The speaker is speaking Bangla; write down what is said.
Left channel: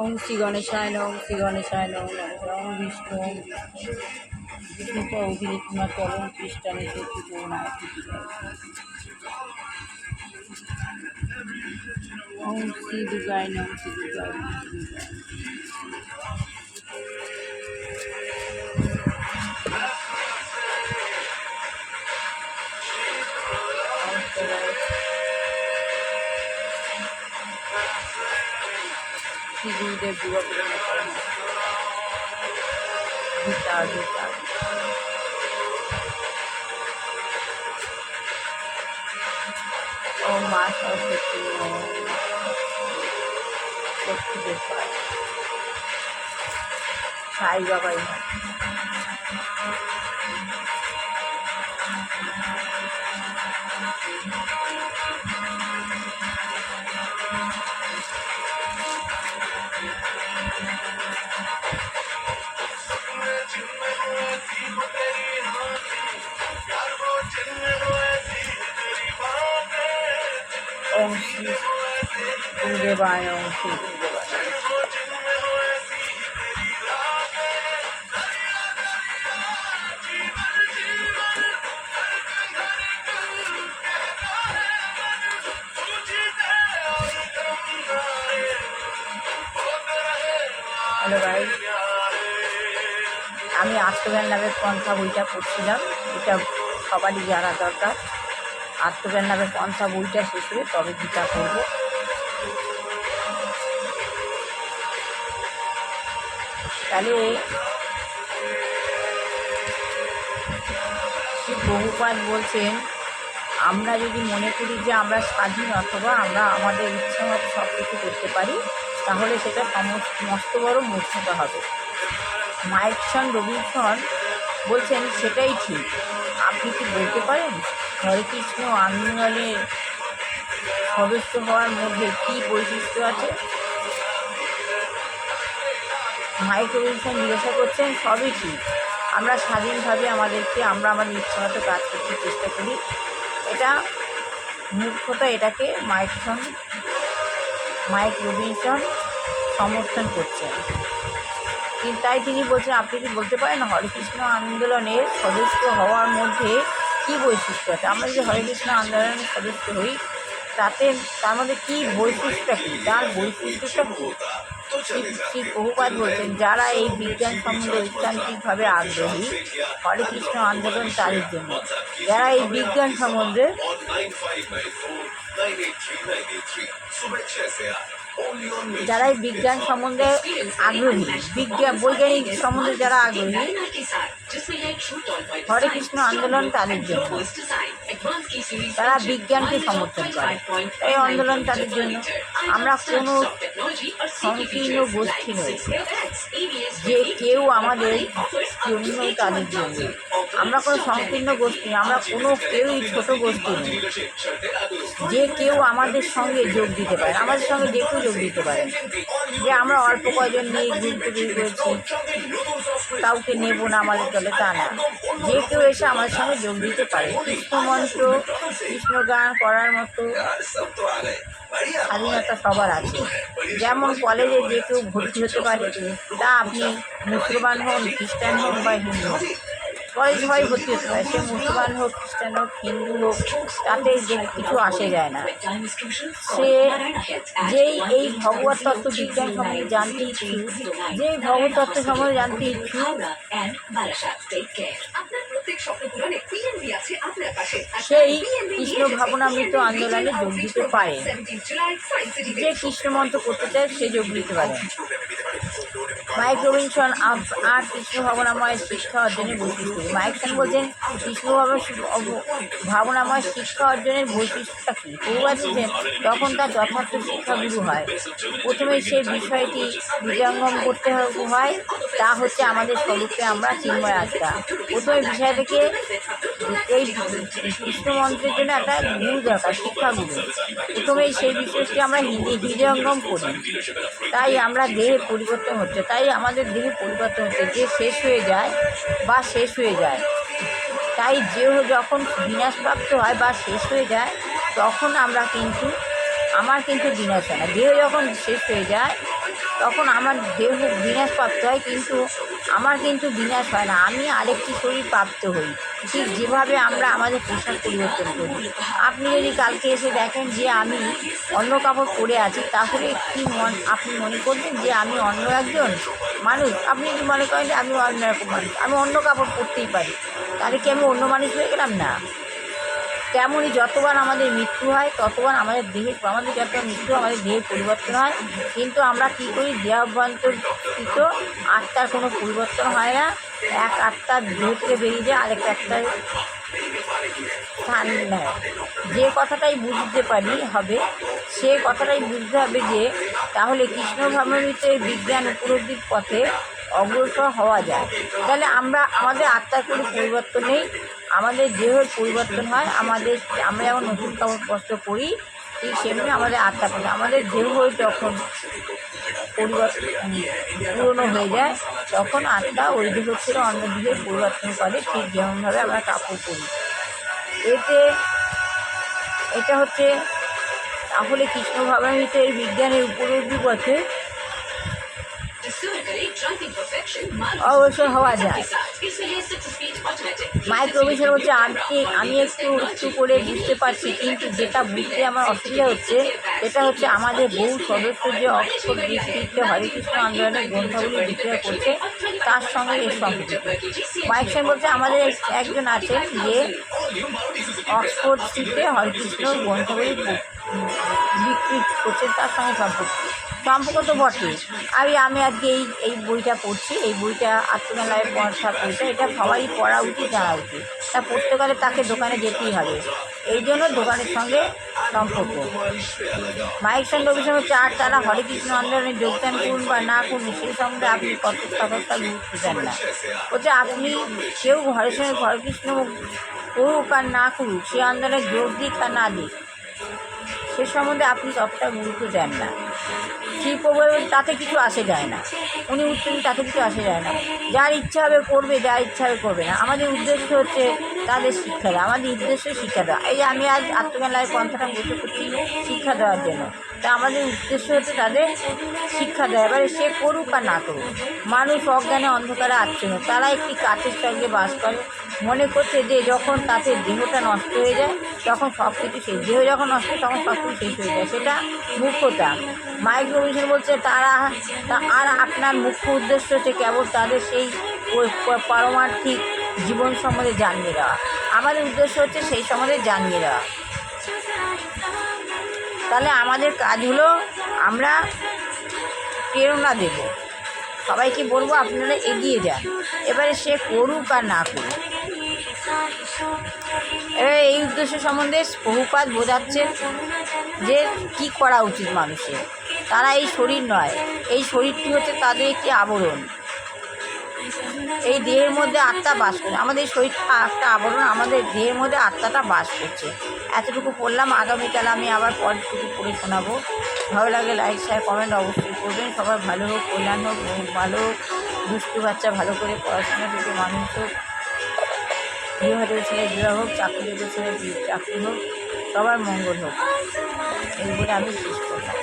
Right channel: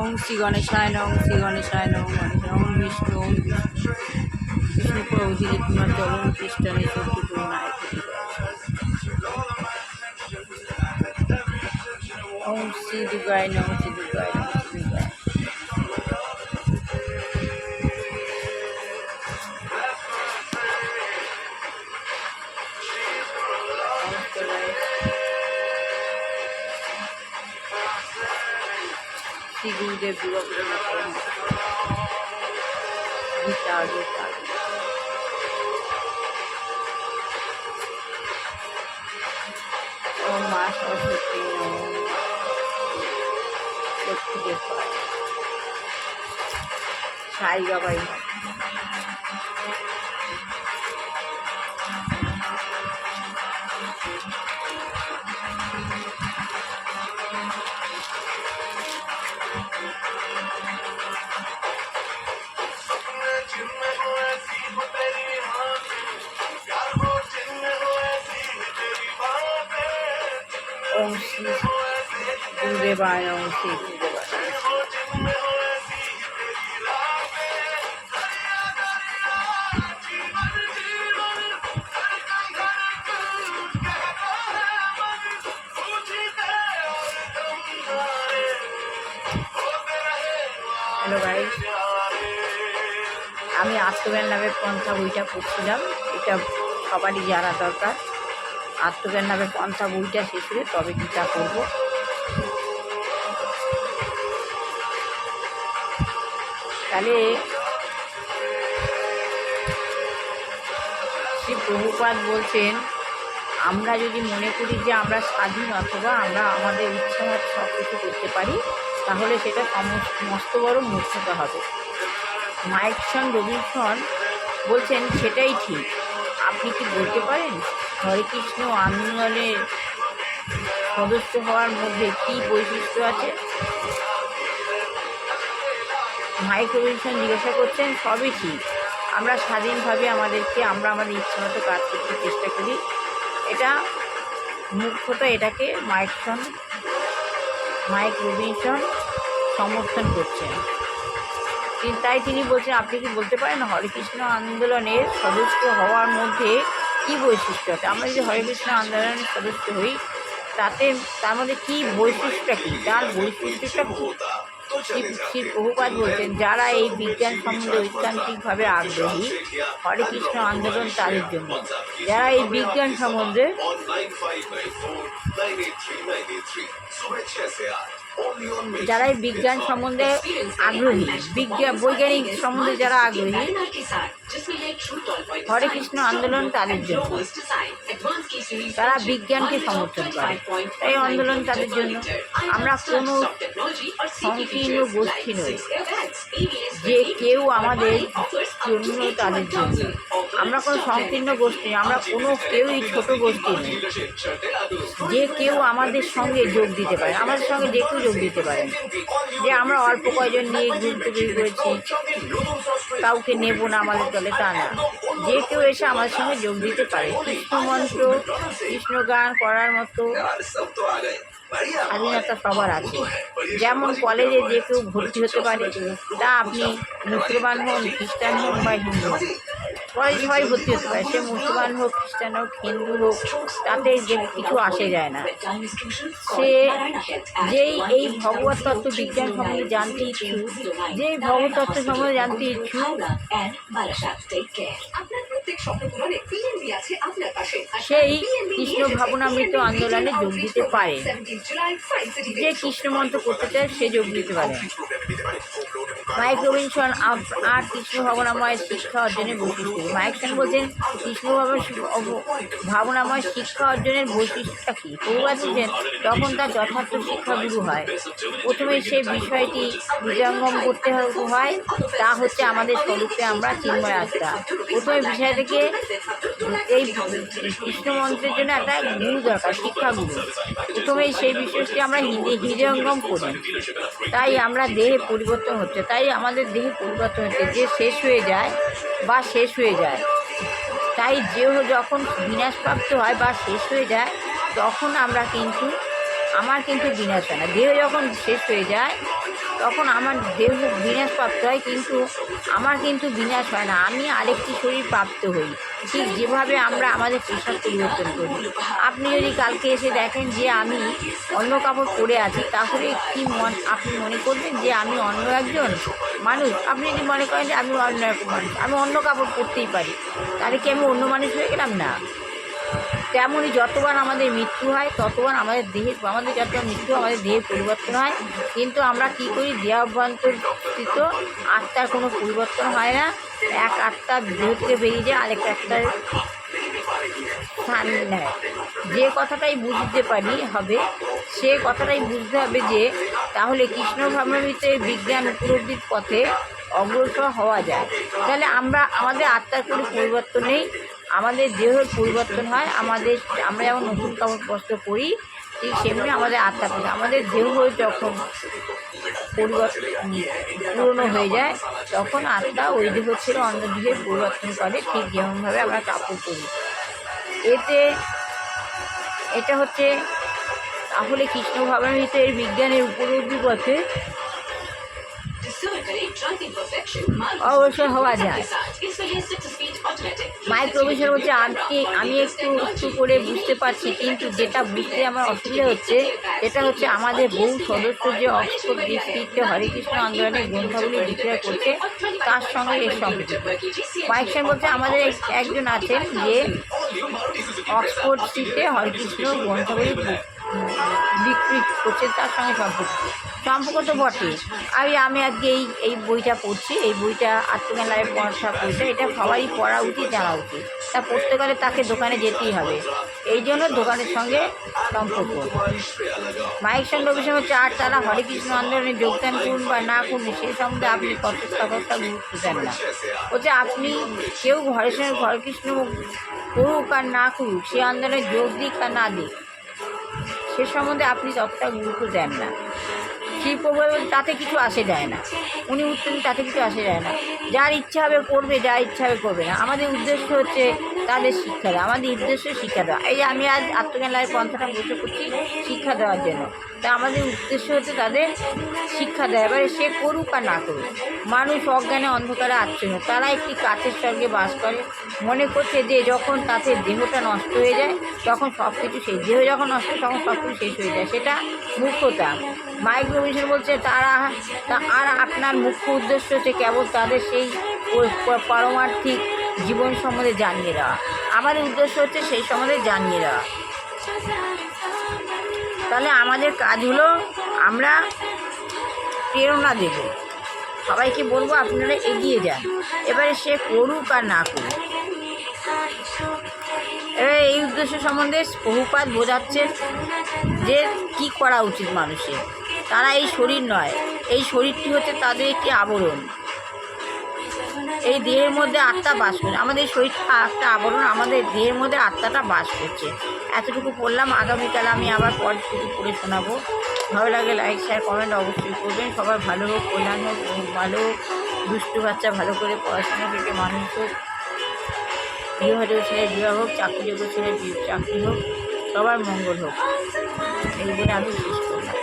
ওং শ্রী গণেশায় নম, শ্রী গণেশায় নম, গণেশ ওং বিষ্ণু, ওং বিষ্ণু বিষ্ণু অধিরিক্রমা চরণ খ্রিস্টানে শক্তি করুণায় ওং শ্রী দুর্গায় নম, শ্রী দুর্গায় নম, শ্রী দুর্গায় শ্রী গুরুদেব দুর্গা গীতা গীতা ওম মা সরস্বতী, ওম লক্ষ্মীদেব সাই বাবাই ওম শ্রী গুরুদেবায়, ওম শ্রী গুরুদেবায়। হ্যালো গাইস, আমি আত্মজ্ঞান নামের পন্থা বইটা পড়ছিলাম। এটা সবারই জানা দরকার। আত্মজ্ঞান নামের পন্থা বইটা শেষ হলে তবে গীতা করব। তাহলে শ্রী প্রভুপাদ বলছেন, আমরা যদি মনে করি যে আমরা স্বাধীন অথবা আমরা আমাদের ইচ্ছা মতো সব কিছু করতে পারি, তাহলে সেটা মস্ত বড় মূর্খতা হবে। মাইকসন রবিনসন বলছেন সেটাই ঠিক। আপনি কি বলতে পারেন হরে কৃষ্ণ আন্দোলনের সদস্য হওয়ার মধ্যে কী বৈশিষ্ট্য আছে? মাইক রবিনসন জিজ্ঞাসা করছেন, সবই ঠিক। আমরা স্বাধীনভাবে আমরা আমাদের ইচ্ছা মতো কাজ করতে চেষ্টা করি। এটা মূর্খতা, এটাকে মাইক রবিনসন সমর্থন করছেন। তাই তিনি বলছেন, আপনি কি বলতে পারেন হরে কৃষ্ণ আন্দোলনের সদস্য হওয়ার মধ্যে কী বৈশিষ্ট্য আছে? আমরা যদি হরে কৃষ্ণ আন্দোলনের সদস্য হই, তার মধ্যে কী বৈশিষ্ট্যটা কী, তার বৈশিষ্ট্যটা কী? শ্রী প্রভুপাদ বলছেন, যারা এই বিজ্ঞান সম্বন্ধে ঐকান্তিকভাবে আগ্রহী, হরে কৃষ্ণ আন্দোলন তাদের জন্য। যারা এই বিজ্ঞান সম্বন্ধে আগ্রহী, বৈজ্ঞানিক সম্বন্ধে যারা আগ্রহী, হরে কৃষ্ণ আন্দোলন তাদের জন্য। তারা বিজ্ঞানকে সমর্থন করে, এই আন্দোলন তাদের জন্য। আমরা কোনো সংকীর্ণ গোষ্ঠী নই যে কেউ আমাদের জন্য, তাদের জন্য। আমরা কোনো সংকীর্ণ গোষ্ঠী, আমরা কেউই ছোট গোষ্ঠী নই যে কেউ আমাদের সঙ্গে যোগ দিতে পারে। আমাদের সঙ্গে যে কেউ যোগ দিতে পারে, যে আমরা অল্প কয়জন নিয়ে ঘুরতে বেরিয়েছি, কাউকে নেব না আমাদের দলে, তা না। যে কেউ এসে আমাদের সঙ্গে যোগ দিতে পারে। কৃষ্ণ মন্ত্র, কৃষ্ণ গান করার মতো স্বাধীনতা সবার আছে। যেমন কলেজে যে কেউ ভর্তি হতে পারে, তা আপনি মুসলমান হন, খ্রিস্টান হন বা হিন্দু হন, কলেজ সবাই ভর্তি হতে পারে। সে মুসলমান হোক, খ্রিস্টান হোক, হিন্দু হোক, তাতে যে কিছু আসে যায় না। সে যেই এই ভগবত তত্ত্ব বিজ্ঞান সম্বন্ধে জানতে ইচ্ছুক, যেই ভগবত তত্ত্ব সম্বন্ধে জানতে ইচ্ছুক, সেই কৃষ্ণ ভাবনামৃত আন্দোলনে যোগ দিতে পারে। যে কৃষ্ণ মন্ত্র করতে চায় সে যোগ দিতে পারে। মাইক রবিনসন আর কৃষ্ণ ভাবনাময় শিক্ষা অর্জনের বৈশিষ্ট্য। মাইকসন বলছেন, কৃষ্ণ ভাবনাময় শিক্ষা অর্জনের বৈশিষ্ট্যটা কী? প্রভুপাদ বলছেন, তখন তার যথার্থ শিক্ষাগুরু হয়। প্রথমে সে বিষয়টি হৃদয়ঙ্গম করতে হয়, তা হচ্ছে আমাদের স্বরূপে আমরা চিন্ময় আত্মা। প্রথমে বিষয় থেকে এই কৃষ্ণ মন্ত্রের জন্য একটা গুরু দরকার, শিক্ষাগুরু। প্রথমেই সেই বিষয়টি আমরা হৃদয়ঙ্গম করি, তাই আমরা দেহে পরিবর্তন হচ্ছে, তাই আমাদের দেহে পরিবর্তন হচ্ছে। যে শেষ হয়ে যায় বা শেষ হয়ে যায়, তাই দেহ যখন বিনাশপ্রাপ্ত হয় বা শেষ হয়ে যায়, তখন আমার কিন্তু বিনাশ হয় না। দেহ যখন শেষ হয়ে যায় তখন আমার দেহ বিনাশ প্রাপ্ত হয়, কিন্তু আমার কিন্তু বিনাশ হয় না, আমি আরেকটি শরীর প্রাপ্ত হই। ঠিক যেভাবে আমরা আমাদের পোশাক পরিবর্তন করি। আপনি যদি কালকে এসে দেখেন যে আমি অন্য কাপড় পরে আছি, তাহলে আপনি মনে করবেন যে আমি অন্য একজন মানুষ। আপনি যদি মনে করেন যে আমি অন্য রকম মানুষ, আমি অন্য কাপড় পরতেই পারি, তাহলে কি আমি অন্য মানুষ হয়ে গেলাম? না। তেমনই যতবার আমাদের মৃত্যু হয়, ততবার আমাদের যতবার মৃত্যু আমাদের দেহের পরিবর্তন হয়, কিন্তু আমরা কী করি, দেহাভ্যন্তরস্থিত আত্মার কোনো পরিবর্তন হয় না। এক আত্মা দেহ থেকে বেরিয়ে যায়, আরেক আত্মার স্থান নেয়। যে কথাটাই বুঝতে পারি হবে, সে কথাটাই বুঝতে হবে যে তাহলে কৃষ্ণ ভাবনামৃতে বিজ্ঞান উপলব্ধির পথে অগ্রসর হওয়া যায়। তাহলে আমাদের আত্মার কোনো পরিবর্তন নেই, আমাদের দেহের পরিবর্তন হয়। আমরা যেমন নতুন কাপড় বস্ত্র পরি, ঠিক সেমনি আমাদের আত্মা পরি। আমাদের দেহ যখন পুরনো হয়ে যায়, তখন আত্মা ওই দেহ ছেড়ে অন্য দেহের পরিবর্তন করে, ঠিক যেমনভাবে আমরা কাপড় পরি। এটা হচ্ছে তাহলে কৃষ্ণ ভাবনামৃতে এই বিজ্ঞানের উপলব্ধি পথে অবশ্যই হওয়া যায়। মাইক্রোভিশন হচ্ছে আমি একটু করে বুঝতে পারছি, কিন্তু যেটা বুঝতে আমার অসুবিধা হচ্ছে, এটা হচ্ছে আমাদের বহু সদস্য যে অক্সফোর্ড ডিস্ট্রিক্টে হরেকৃষ্ণ আন্দোলনের গ্রন্থাবলী বিক্রয় করছে, তার সঙ্গে এর সম্পর্কিত। মাইকশন বলছে আমাদের একজন আছেন যে অক্সফোর্ড স্ট্রিটে হরেকৃষ্ণ গ্রন্থাবলী বিক্রি করছে, তার সঙ্গে সম্পর্ক তো বটে। আমি আজকে এই বইটা পড়ছি, এই বইটা আত্মজ্ঞানের পড়া বইটা, এটা সবারই পড়া উচিত, জানা উচিত। তা পড়তে গেলে তাকে দোকানে যেতেই হবে, এই জন্য দোকানের সঙ্গে সম্পর্ক। মাইকশন রবিশন হচ্ছে আর তারা হরেকৃষ্ণ আন্দোলনে যোগদান করুন বা না করুন, সেই সম্বন্ধে আপনি কতটা গুরুত্ব দেন না। বলছে আপনি কেউ হরেকৃষ্ণ করুক আর না করুক, সে আন্দোলনে যোগ দিক আর না দিক, সে সম্বন্ধে আপনি ততটা গুরুত্ব দেন না। শিবপ্রভু তাতে কিছু আসে যায় না, উনি উত্তম, তাতে কিছু আসে যায় না। যার ইচ্ছা হবে করবে, যার ইচ্ছা হবে করবে না। আমাদের উদ্দেশ্য হচ্ছে তাদের শিক্ষা দেওয়া, আমাদের উদ্দেশ্য শিক্ষা দেওয়া। এই আমি আজ আত্মজ্ঞান লাইভ পন্থাটা বসে করছি শিক্ষা দেওয়ার জন্য। তা আমাদের উদ্দেশ্য হচ্ছে তাদের শিক্ষা দেওয়া। এবারে সে করুক আর না করুক, মানুষ অজ্ঞানে অন্ধকারে আচ্ছন্ন। তারা একটি কাচের স্বর্গে বাস করে, মনে করছে যে যখন তাদের দেহটা নষ্ট হয়ে যায়, তখন সব কিছু শেষ। দেহ যখন নষ্ট হয়, তখন সব কিছু শেষ হয়ে যায়, সেটা মূর্খতা। মাইক্রোভিশন বলছে আর আপনার মুখ্য উদ্দেশ্য হচ্ছে কেবল তাদের সেই পারমার্থিক জীবন সম্বন্ধে জানিয়ে দেওয়া। আমাদের উদ্দেশ্য হচ্ছে সেই সম্বন্ধে জানিয়ে দেওয়া। তাহলে আমাদের কাজ হলো আমরা প্রেরণা দেব, সবাইকে বলবো আপনারা এগিয়ে যান। এবারে সে করুক আর না করুক, এই উদ্দেশ্য সম্বন্ধে প্রভুপাদ বোঝাচ্ছেন যে কী করা উচিত মানুষের। তারা এই শরীর নয়, এই শরীরটি হচ্ছে তাদের একটি আবরণ। এই দেহের মধ্যে আত্মা বাস করে, আমাদের শরীরটা একটা আবরণ, আমাদের দেহের মধ্যে আত্মাটা বাস করছে। এতটুকু পড়লাম। আগামীকাল আমি আবার পরটুকু পড়ে শোনাবো। ভালো লাগে লাইক শেয়ার কমেন্ট অবশ্যই করবেন। সবার ভালো হোক, কল্যাণ হোক, ভালো হোক, দুষ্টু বাচ্চা ভালো করে পড়াশোনা থেকে মানুষ হোক, বিবাহিত ছেলে বিবাহ হোক, চাকরিযোগ্য ছেলে চাকরি হোক, সবার মঙ্গল হোক, এই বলে আমি শেষ করলাম।